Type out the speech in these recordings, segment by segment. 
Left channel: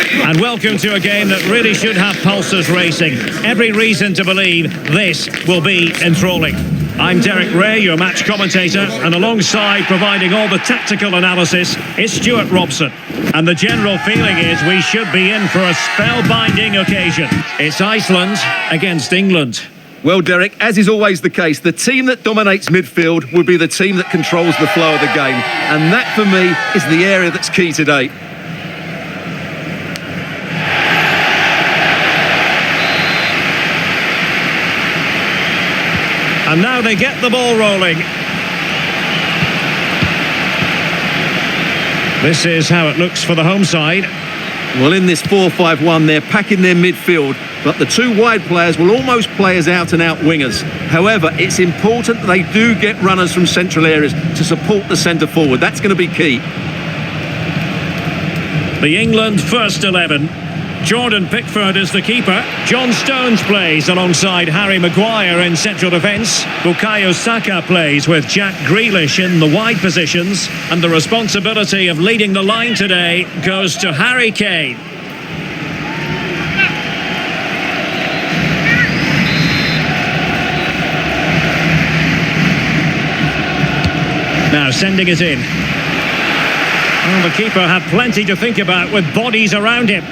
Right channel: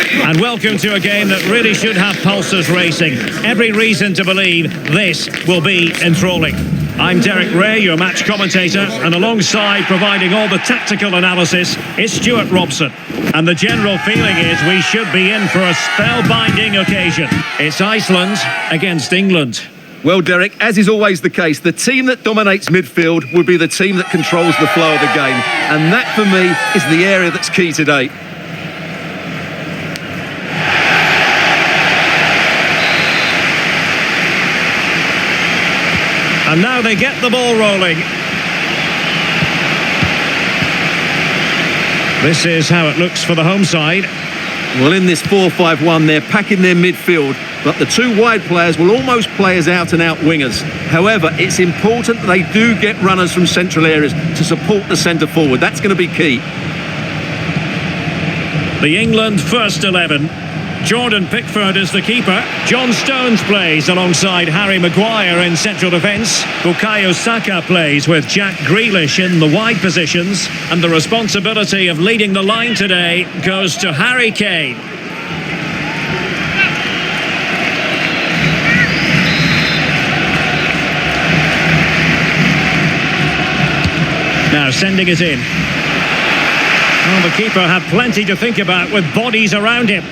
And welcome to a game that really should have pulses racing. Every reason to believe this will be enthralling. I'm Derek Ray, your match commentator, and alongside providing all the tactical analysis is Stuart Robson. And the general feeling is we should be in for a spellbinding occasion. It's Iceland against England. Well, Derek, as is always the case, the team that dominates midfield will be the team that controls the flow of the game. And that, for me, is the area that's key today. And now they get the ball rolling. This is how it looks for the home side. Well, in this 4-5-1, they're packing their midfield, but the two wide players will almost play as out-and-out wingers. However, it's important that they do get runners from central areas to support the centre forward. That's going to be key. The England first 11. Jordan Pickford is the keeper. John Stones plays alongside Harry Maguire in central defence. Bukayo Saka plays with Jack Grealish in the wide positions. And the responsibility of leading the line today goes to Harry Kane. Now sending it in. Well, the keeper had plenty to think about with bodies around him.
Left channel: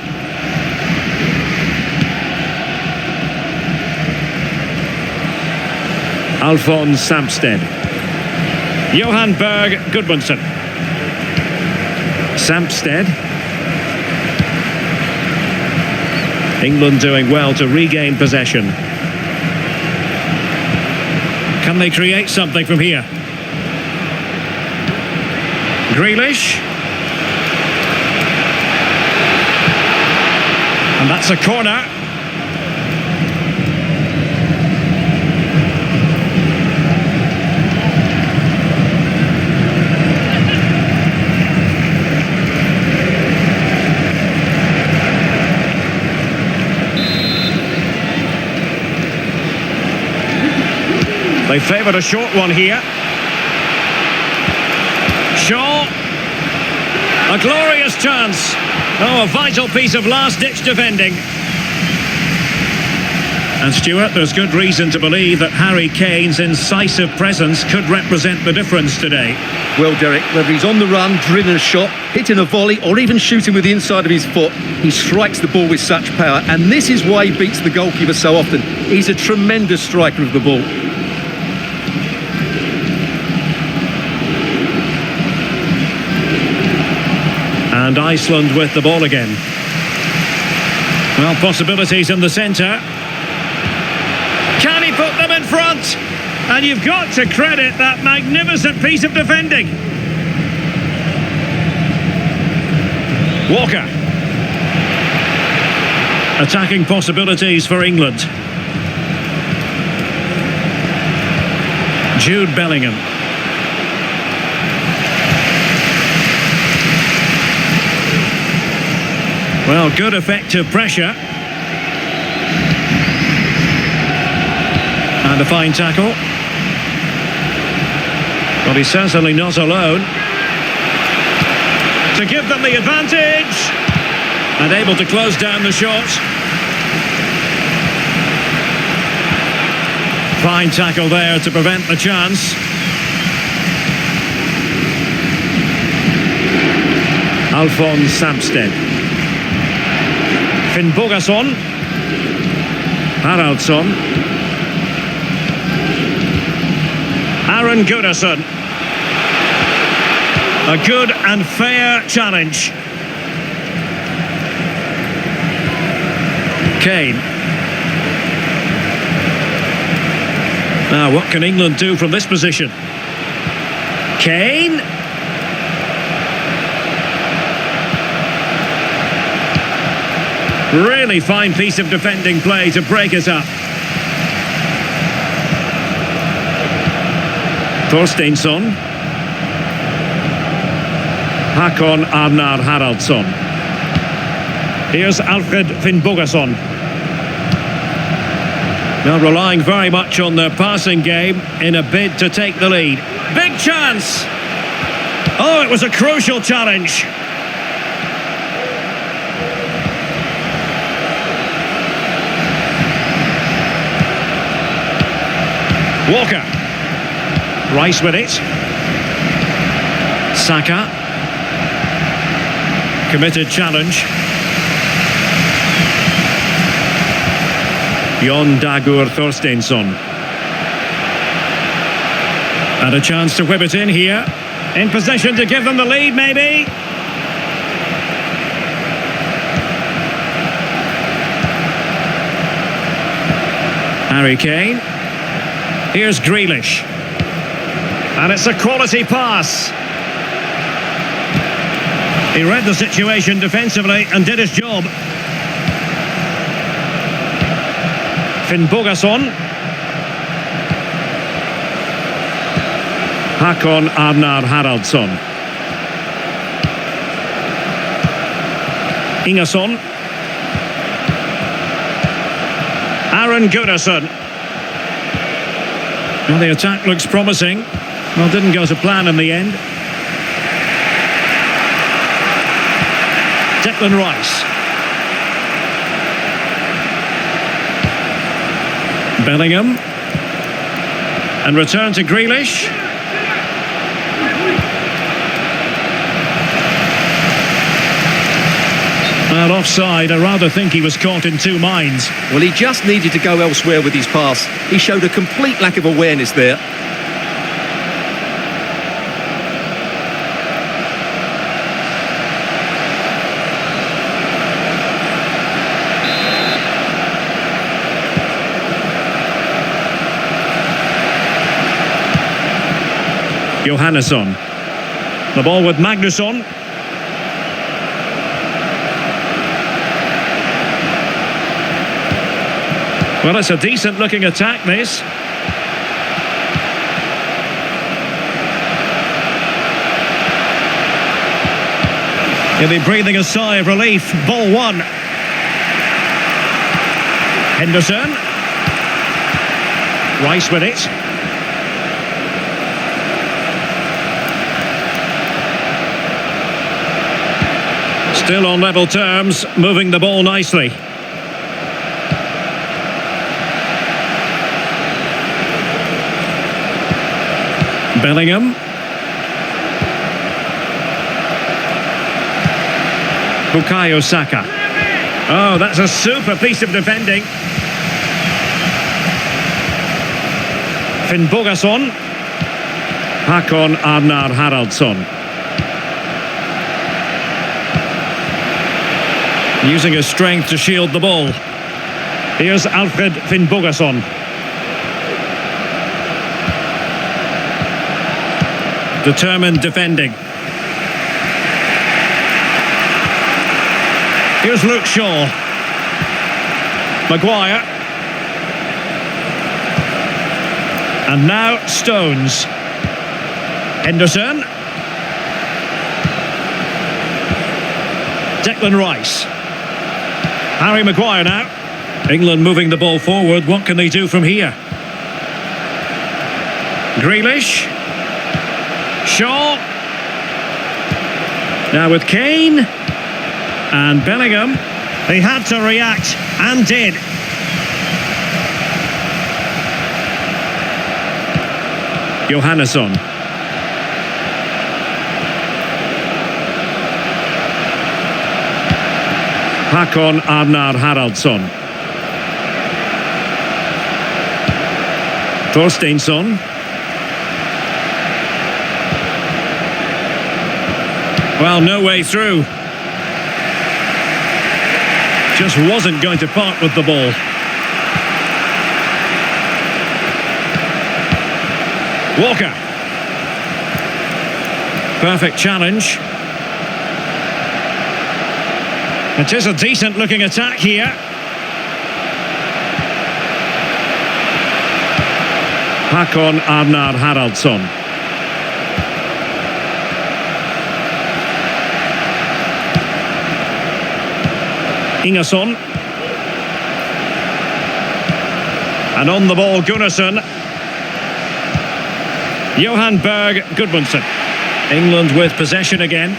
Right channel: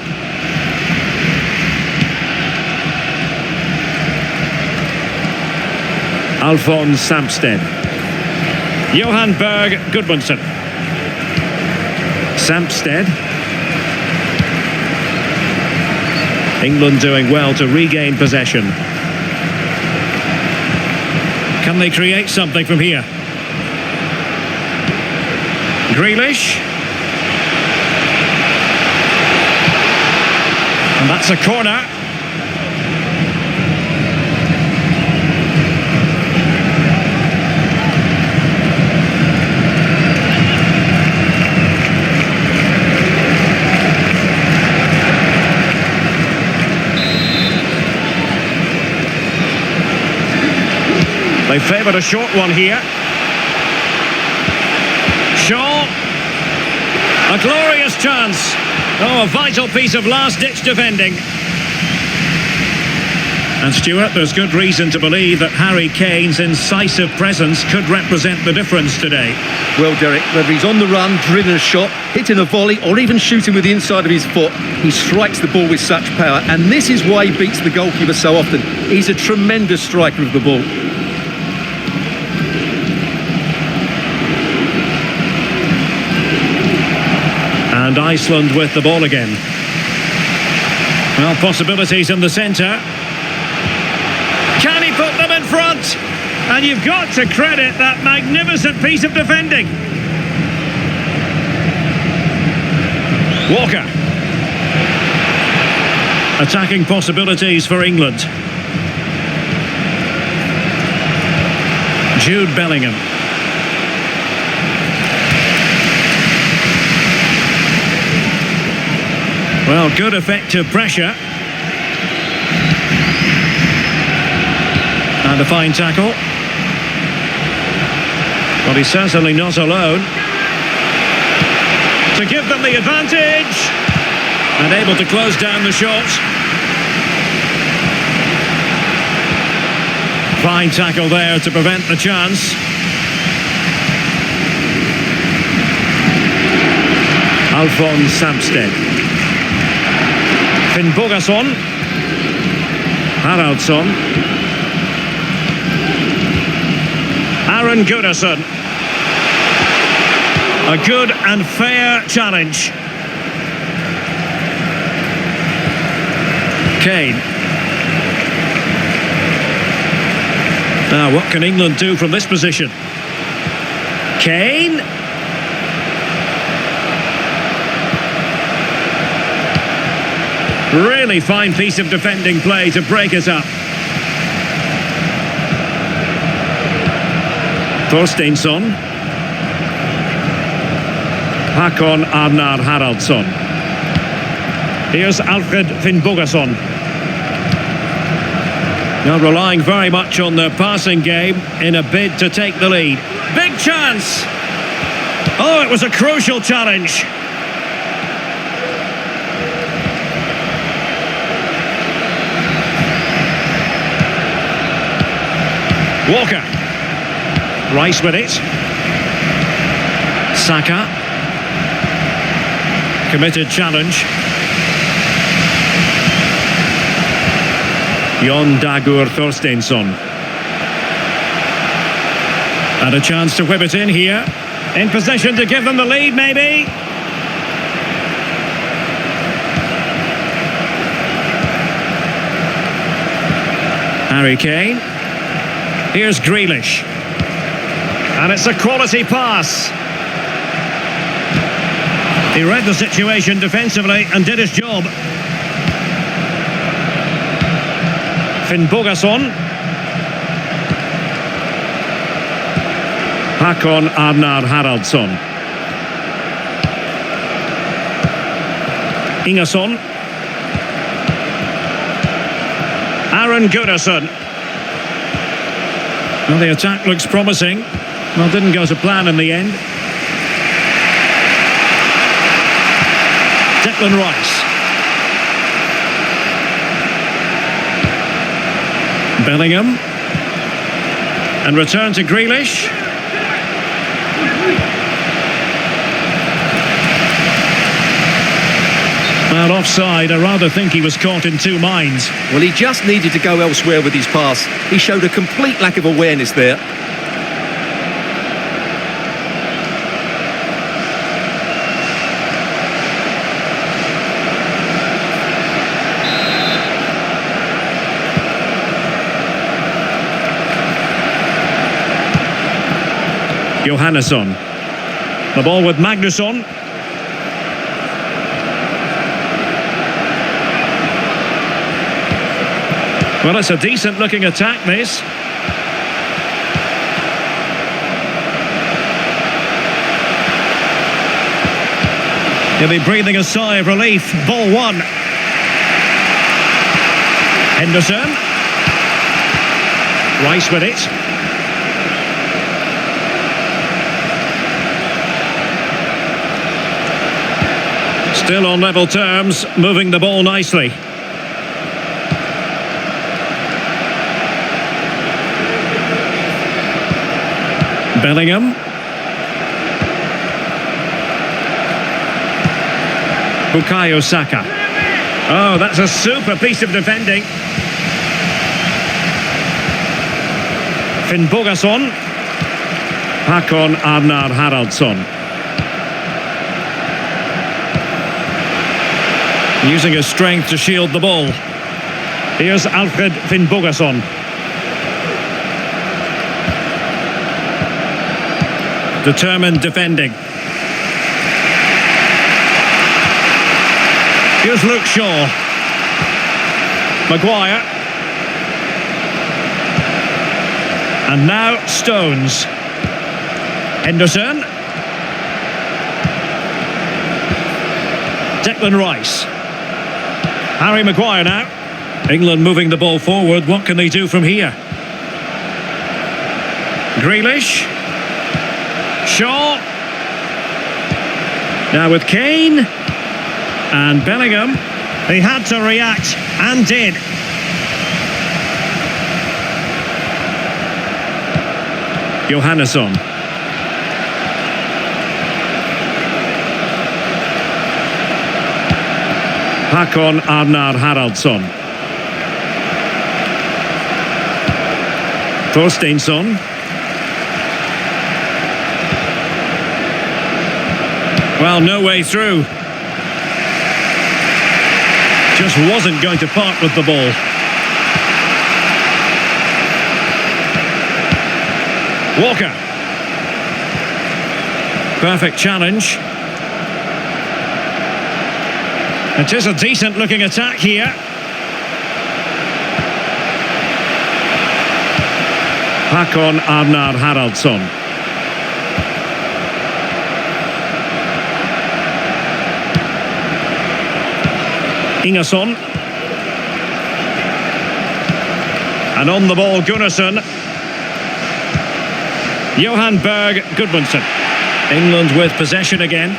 Alphonse Samsted. Johan Berg Gudmundsson. Samsted. England doing well to regain possession. Can they create something from here? Grealish. And that's a corner. They favoured a short one here. Shaw. A glorious chance. Oh, a vital piece of last-ditch defending. And Stuart, there's good reason to believe that Harry Kane's incisive presence could represent the difference today. Well, Derek, whether he's on the run, drilling a shot, hitting a volley, or even shooting with the inside of his foot, he strikes the ball with such power. And this is why he beats the goalkeeper so often. He's a tremendous striker of the ball. And Iceland with the ball again. Well, possibilities in the centre. Can he put them in front? And you've got to credit that magnificent piece of defending. Walker. Attacking possibilities for England. Jude Bellingham. Well, good effective pressure. And a fine tackle. But he's certainly not alone. To give them the advantage. And able to close down the shot. Fine tackle there to prevent the chance. Alphonse Samsted. Finnbogason. Haraldsson. Aaron Gunnarsson. A good and fair challenge. Kane. Now, what can England do from this position? Kane. Really fine piece of defending play to break it up. Thorsteinsson. Hakon Arnar Haraldsson. Here's Alfred Finnbogason. Now relying very much on their passing game in a bid to take the lead. Big chance! Oh, it was a crucial challenge. Walker. Rice with it. Saka. Committed challenge. Jon Dagur Thorsteinsson. And a chance to whip it in here. In possession to give them the lead, maybe. Harry Kane. Here's Grealish. And it's a quality pass. He read the situation defensively and did his job. Finnbogason. Hakon Arnar Haraldsson. Ingason. Aaron Gunnarsson. Well, the attack looks promising. Well, didn't go to plan in the end. Declan Rice. Bellingham. And return to Grealish. Well, offside. I rather think he was caught in two minds. Well, he just needed to go elsewhere with his pass. He showed a complete lack of awareness there. Johannesson. The ball with Magnusson. Well, it's a decent looking attack, this. He'll be breathing a sigh of relief. Ball one. Henderson. Rice with it. Still on level terms, moving the ball nicely. Bellingham. Bukayo Saka. Oh, that's a super piece of defending. Finnbogason. Hakon Arnar Haraldsson. Using his strength to shield the ball. Here's Alfred Finnbogason. Determined defending. Here's Luke Shaw. Maguire. And now Stones. Henderson. Declan Rice. Harry Maguire now. England moving the ball forward. What can they do from here? Grealish. Shaw. Now with Kane. And Bellingham. He had to react and did. Johannesson. Hakon Arnar Haraldsson. Thorsteinsson. Well, no way through. Just wasn't going to part with the ball. Walker. Perfect challenge. It is a decent looking attack here. Hakon Arnar Haraldsson. Ingason. And on the ball, Gunnarsson. Johan Berg Gudmundsson. England with possession again.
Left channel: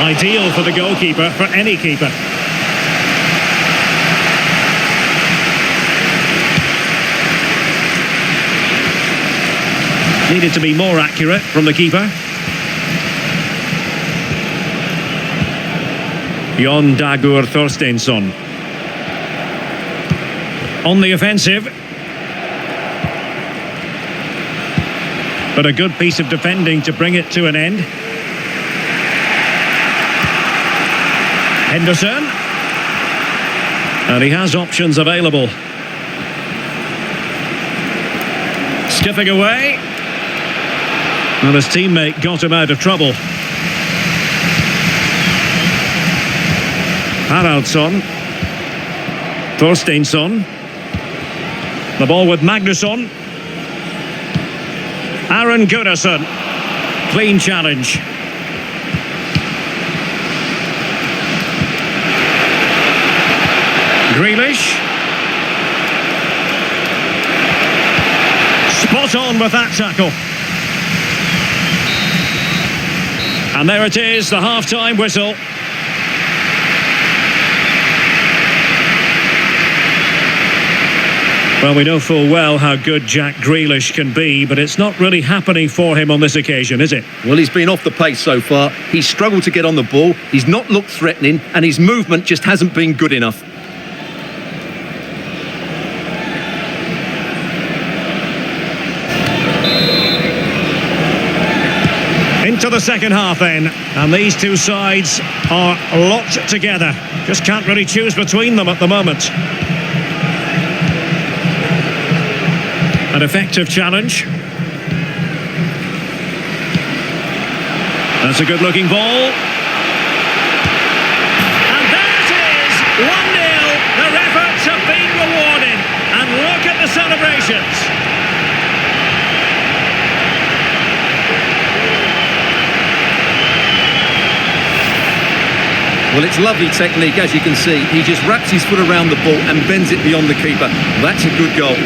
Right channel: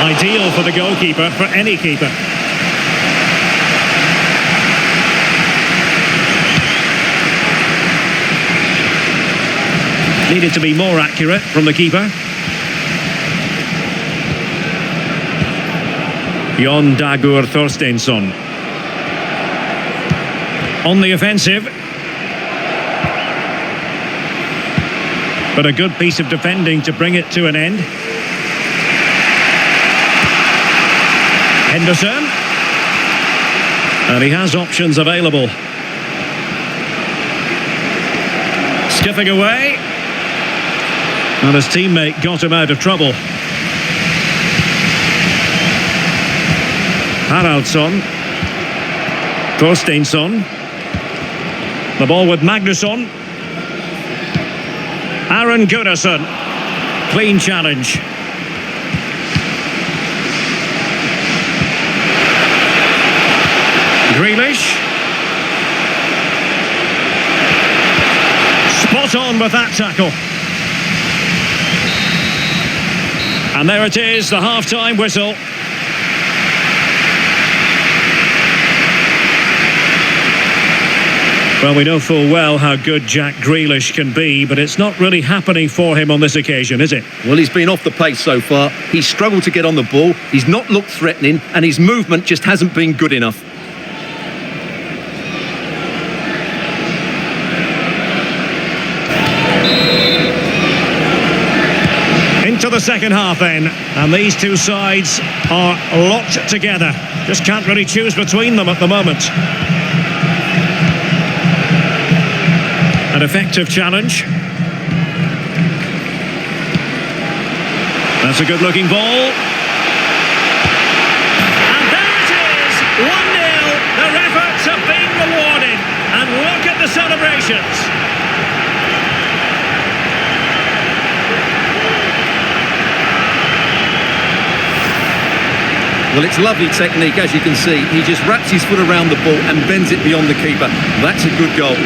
Ideal for the goalkeeper, for any keeper. Needed to be more accurate from the keeper. Jon Dagur Thorsteinsson. On the offensive. But a good piece of defending to bring it to an end. Henderson. And he has options available. Skipping away. And his teammate got him out of trouble. Haraldsson. Thorsteinsson. The ball with Magnusson. Aaron Gunnarsson. Clean challenge. Grealish. Spot on with that tackle. And there it is, the half-time whistle. Well, we know full well how good Jack Grealish can be, but it's not really happening for him on this occasion, is it? Well, he's been off the pace so far. He's struggled to get on the ball. He's not looked threatening, and his movement just hasn't been good enough. Into the second half then, and these two sides are locked together. Just can't really choose between them at the moment. An effective challenge. That's a good looking ball. And there it is, 1-0. Their efforts have been rewarded. And look at the celebrations. Well, it's lovely technique, as you can see. He just wraps his foot around the ball and bends it beyond the keeper. That's a good goal.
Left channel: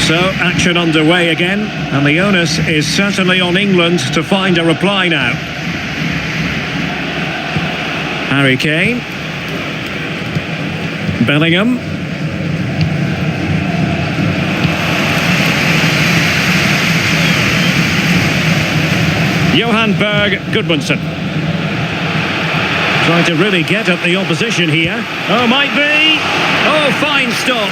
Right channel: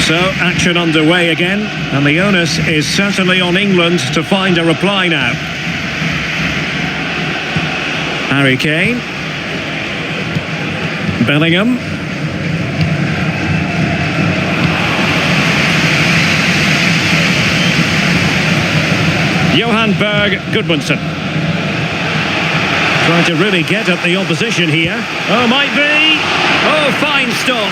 So, action underway again, and the onus is certainly on England to find a reply now. Harry Kane. Bellingham. Johan Berg Gudmundsson. Trying to really get at the opposition here. Oh, might be. Oh, fine stop.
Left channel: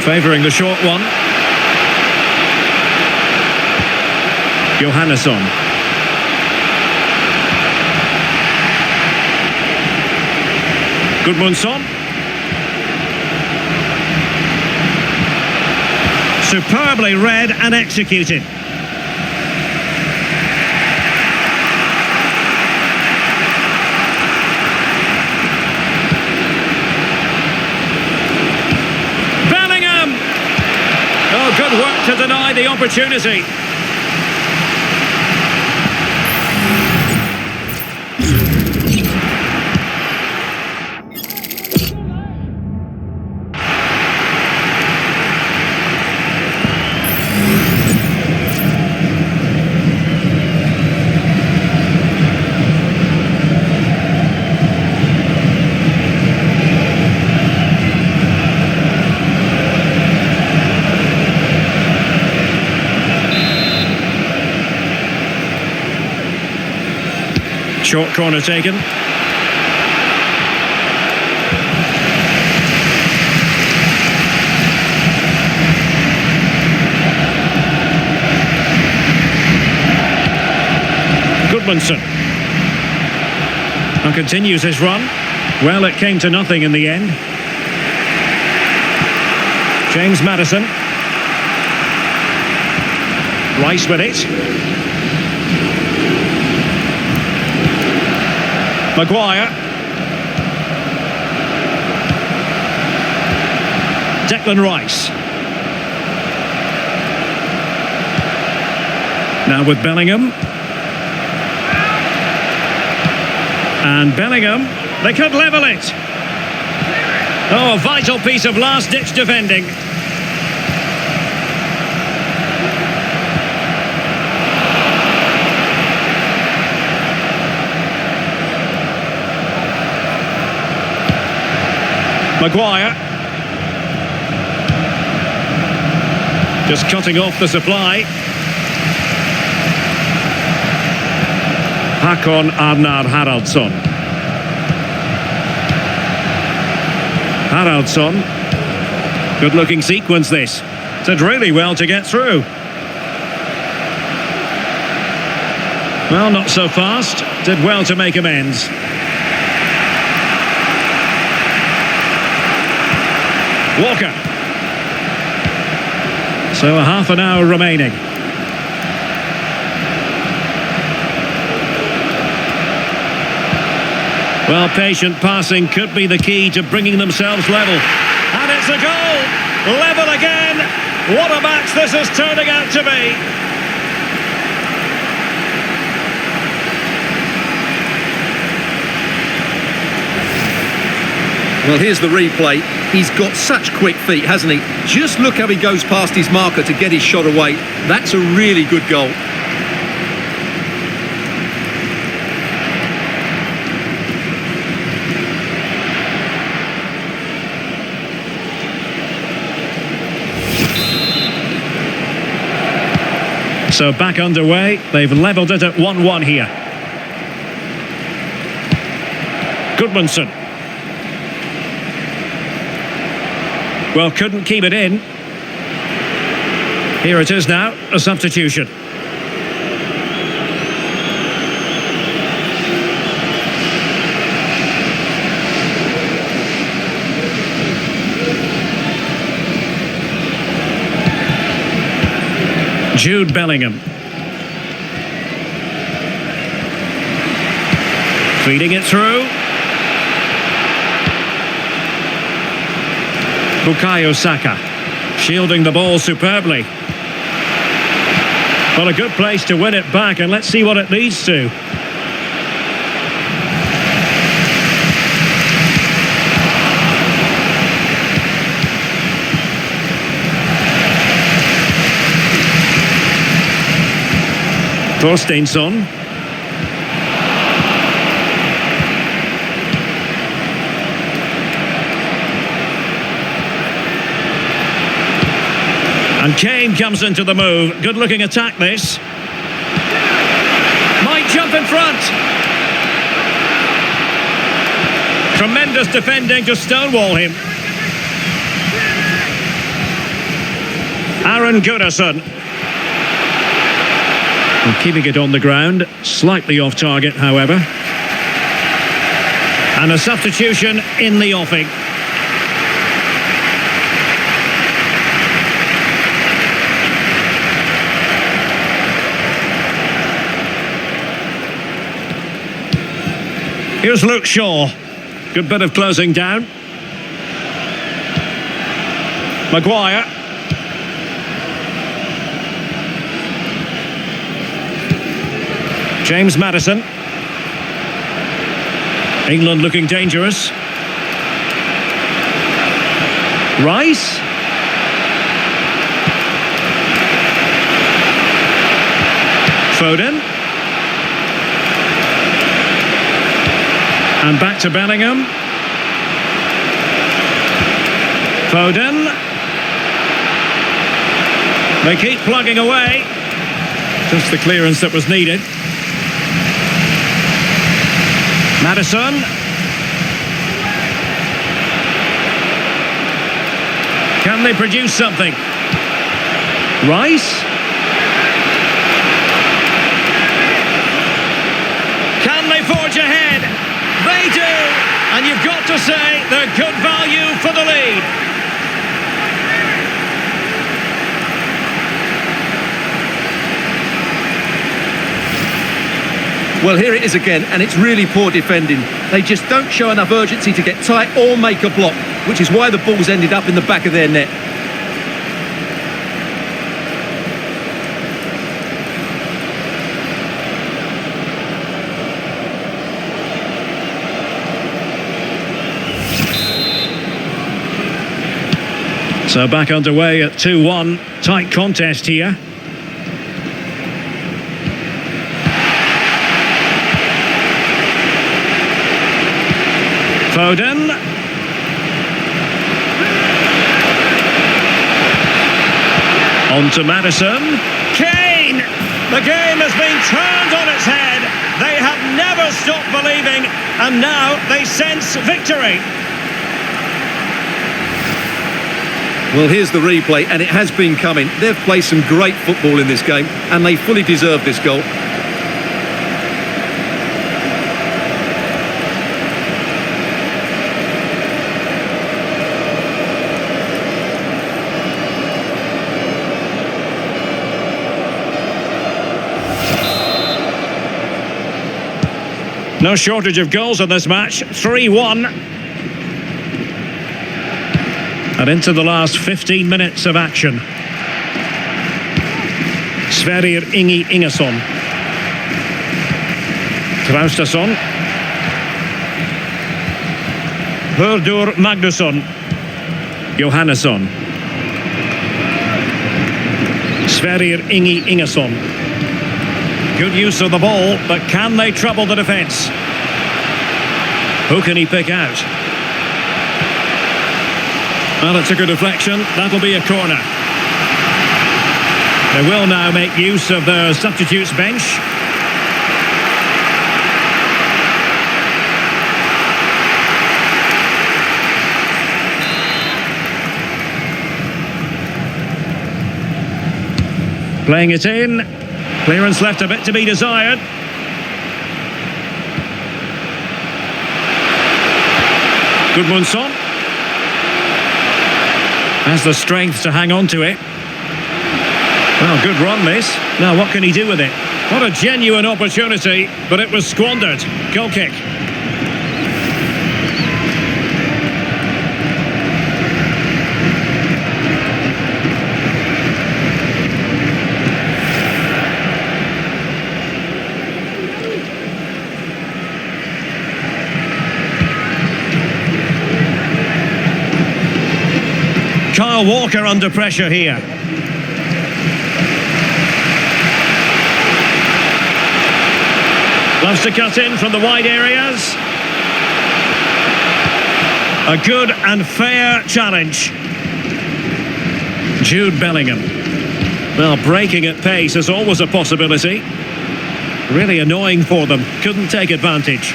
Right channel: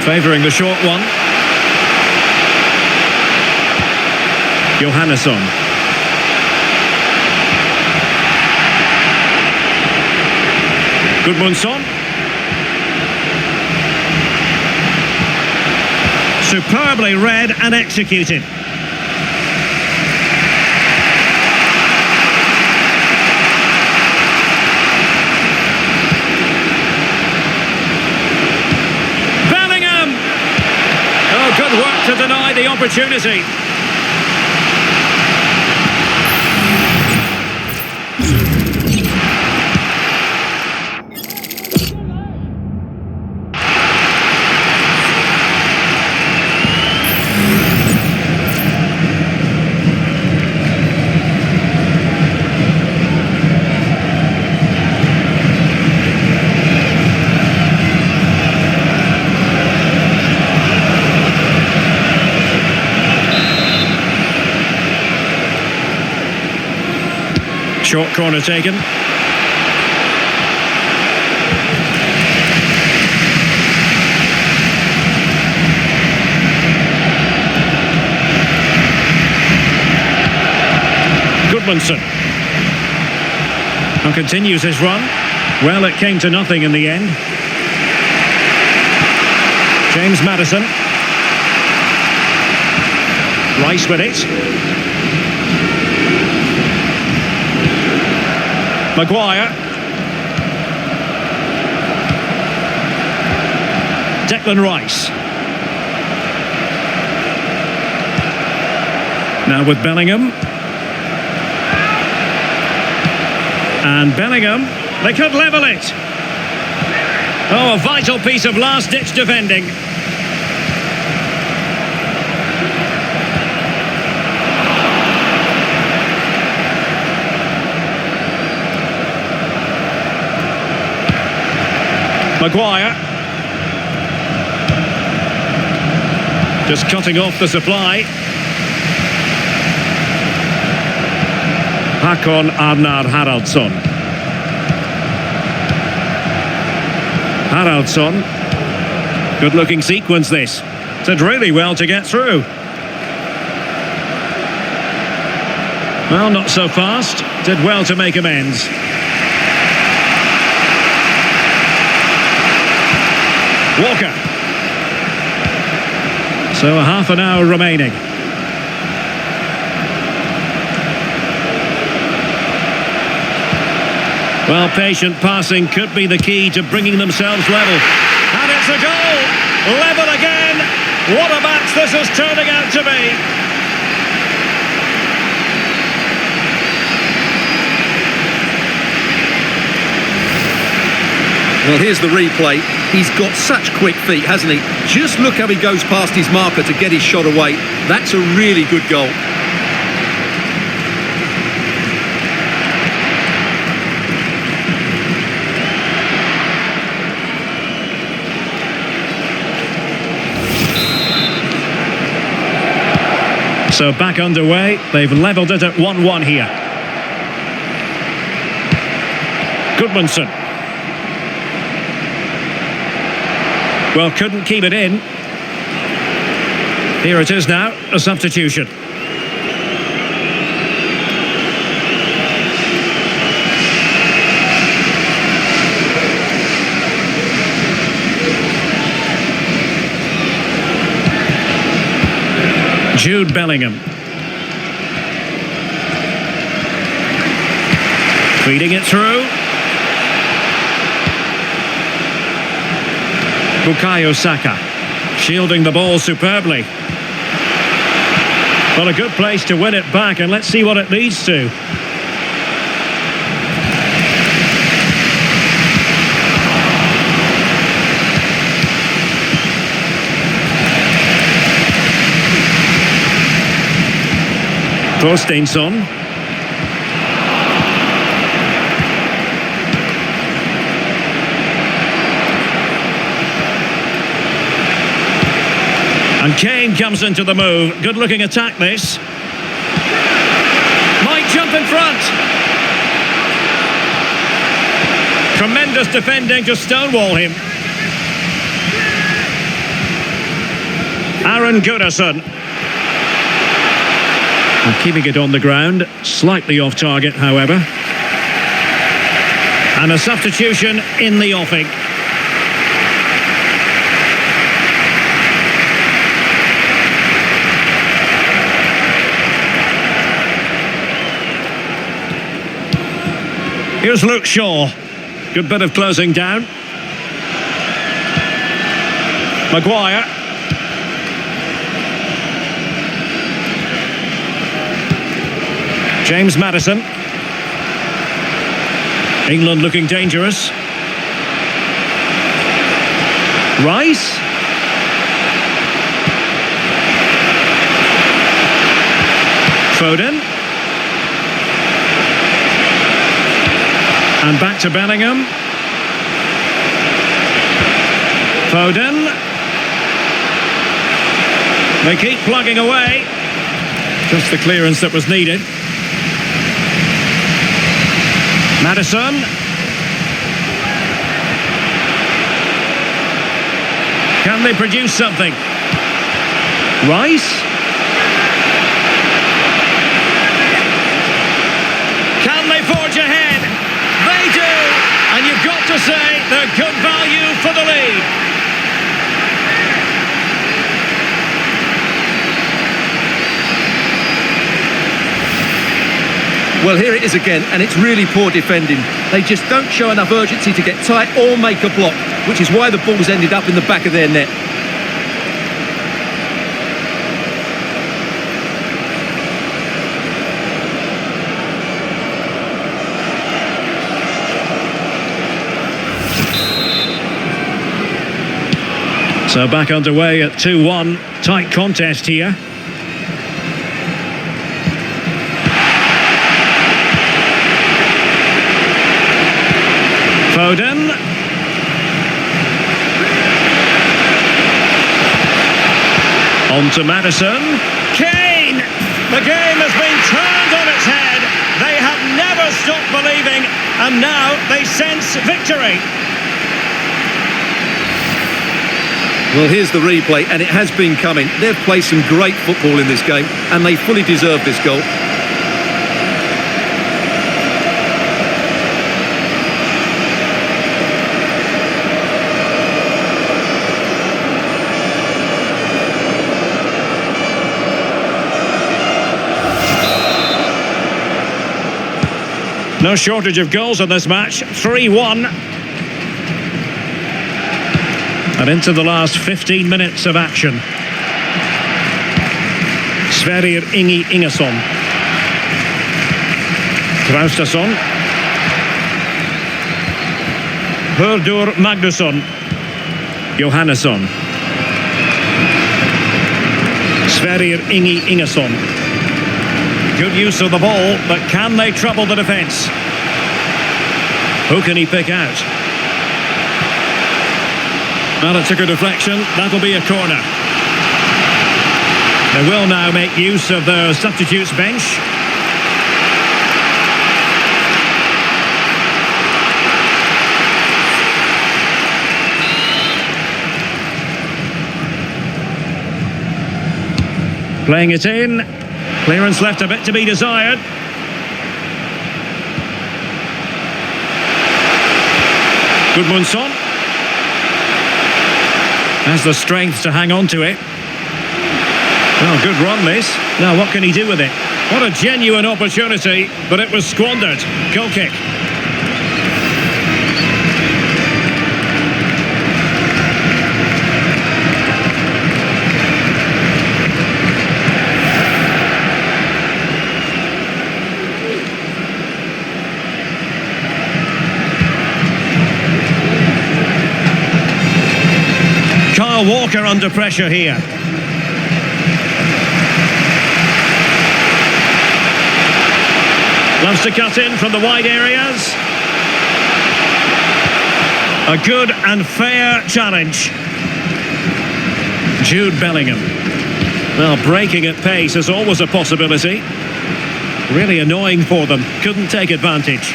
Favouring the short one. Johannesson. Gudmundsson. Superbly read and executed. Oh, good work to deny the opportunity. Short corner taken. Goodmanson. And continues his run. Well, it came to nothing in the end. James Maddison. Rice with it. Maguire. Declan Rice. Now with Bellingham. And Bellingham, they could level it. Oh, a vital piece of last-ditch defending. Maguire. Just cutting off the supply. Hakon Arnar Haraldsson. Haraldsson. Good looking sequence this. Did really well to get through. Well, not so fast. Did well to make amends. Walker. So a half an hour remaining. Well, patient passing could be the key to bringing themselves level. And it's a goal! Level again! What a match this is turning out to be! Well, here's the replay. He's got such quick feet, hasn't he? Just look how he goes past his marker to get his shot away. That's a really good goal. So back underway. They've levelled it at 1-1 here. Goodmanson. Well, couldn't keep it in. Here it is now, a substitution. Jude Bellingham. Feeding it through. Bukayo Saka. Shielding the ball superbly. Well, a good place to win it back, and let's see what it leads to. Thorsteinsson. And Kane comes into the move. Good looking attack this. Might jump in front. Tremendous defending to stonewall him. Aaron Gunnarsson. And keeping it on the ground, slightly off target, however. And a substitution in the offing. Here's Luke Shaw. Good bit of closing down. Maguire. James Maddison. England looking dangerous. Rice. Foden. And back to Bellingham. Foden. They keep plugging away. Just the clearance that was needed. Maddison. Can they produce something? Rice. Can they forge ahead? They do! And you've got to say they're good value for the lead. Well, here it is again, and it's really poor defending. They just don't show enough urgency to get tight or make a block, which is why the ball's ended up in the back of their net. So back underway at 2-1. Tight contest here. Foden. On to Madison. Kane! The game has been turned on its head. They have never stopped believing, and now they sense victory. Well, here's the replay, and it has been coming. They've played some great football in this game, and they fully deserve this goal. No shortage of goals in this match. 3-1. And into the last 15 minutes of action. Sverrir Ingi Ingesson. Traustason. Hördur Magnusson. Johannesson. Sverrir Ingi Ingesson. Good use of the ball, but can they trouble the defence? Who can he pick out? Well, it took a deflection. That'll be a corner. They will now make use of their substitutes bench. Playing it in. Clearance left a bit to be desired. Gudmundsson has the strength to hang on to it. Well, good run this. Now what can he do with it? What a genuine opportunity, but it was squandered. Goal kick. Kyle Walker under pressure here. Loves to cut in from the wide areas. A good and fair challenge. Jude Bellingham. Well, breaking at pace is always a possibility. Really annoying for them. Couldn't take advantage.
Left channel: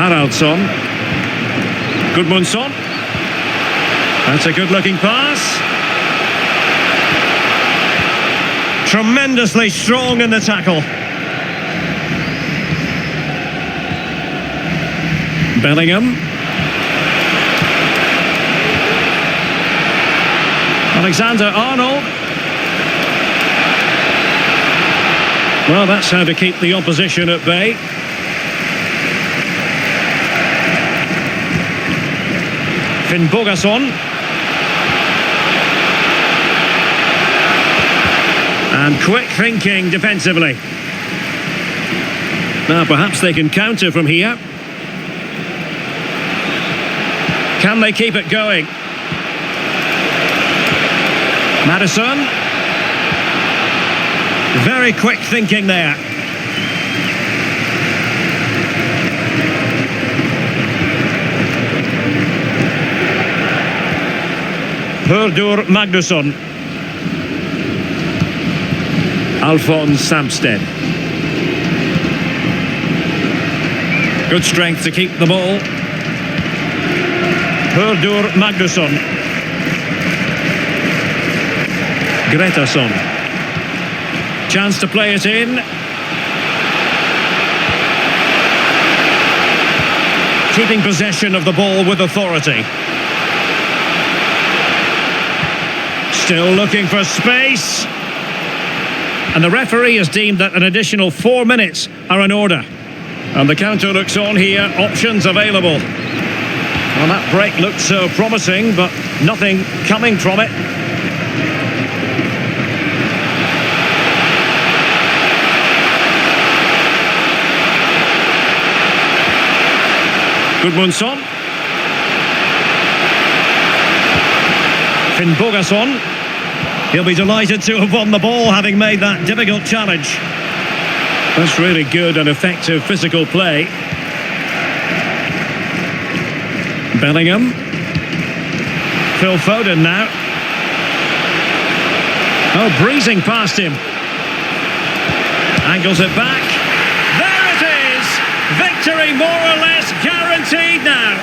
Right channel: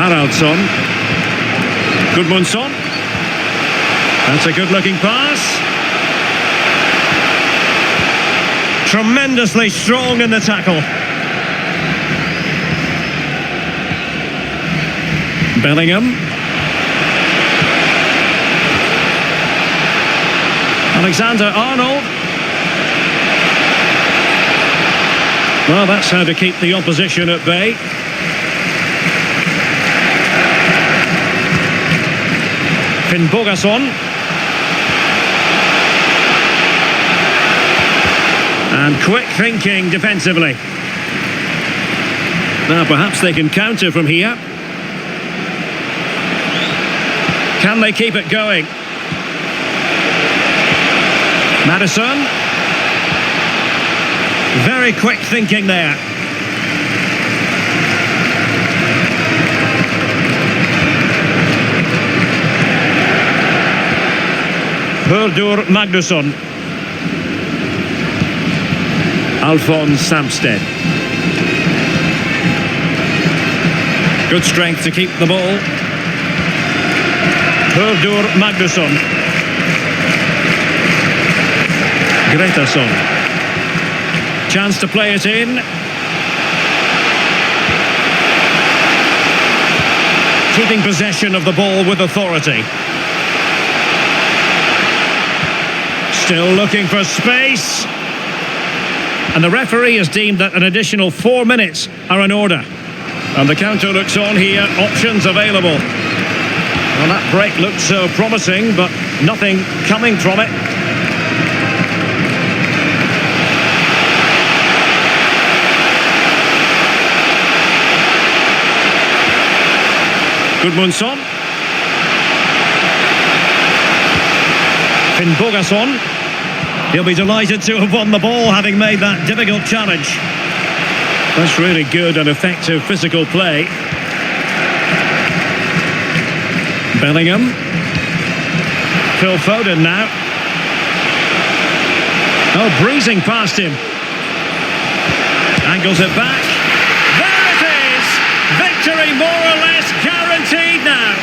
Haraldsson. Gudmundsson. That's a good-looking pass. Tremendously strong in the tackle. Bellingham. Alexander-Arnold. Well, that's how to keep the opposition at bay. Finnbogason. And quick thinking defensively. Now perhaps they can counter from here. Can they keep it going? Madison. Very quick thinking there. Hördur Magnusson. Alphonse Samsted. Good strength to keep the ball. Hördur Magnusson. Gretarsson. Chance to play it in. Keeping possession of the ball with authority. Still looking for space. And the referee has deemed that an additional 4 minutes are in order. And the counter looks on here, options available. Well, that break looked so promising, but nothing coming from it. Gudmundsson. Finnbogason. He'll be delighted to have won the ball, having made that difficult challenge. That's really good and effective physical play. Bellingham. Phil Foden now. Oh, breezing past him. Angles it back. There it is! Victory more or less guaranteed now.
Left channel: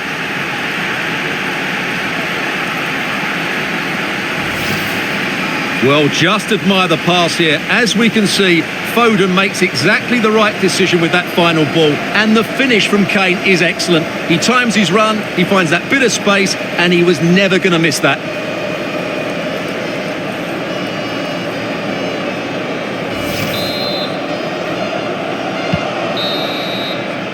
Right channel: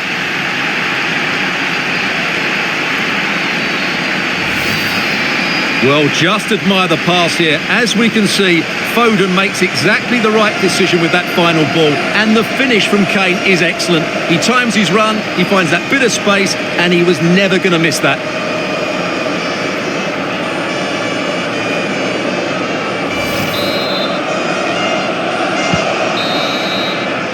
Well, just admire the pass here. As we can see, Foden makes exactly the right decision with that final ball, and the finish from Kane is excellent. He times his run, he finds that bit of space, and he was never going to miss that.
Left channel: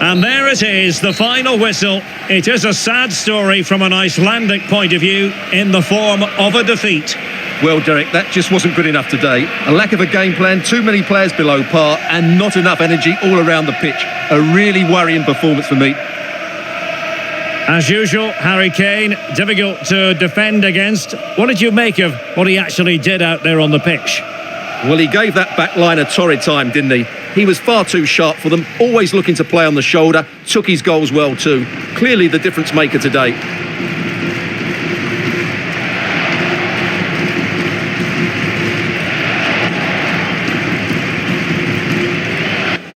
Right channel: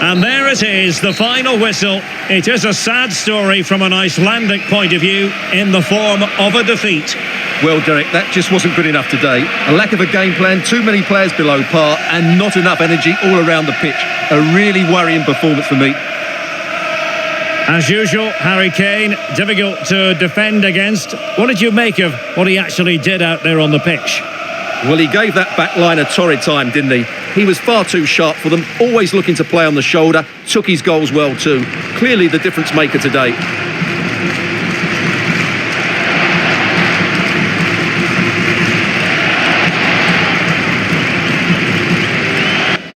And there it is, the final whistle. It is a sad story from an Icelandic point of view, in the form of a defeat. Well, Derek, that just wasn't good enough today. A lack of a game plan, too many players below par, and not enough energy all around the pitch. A really worrying performance for me. As usual, Harry Kane, difficult to defend against. What did you make of what he actually did out there on the pitch? Well, he gave that back line a torrid time, didn't he? He was far too sharp for them, always looking to play on the shoulder, took his goals well too. Clearly the difference maker today.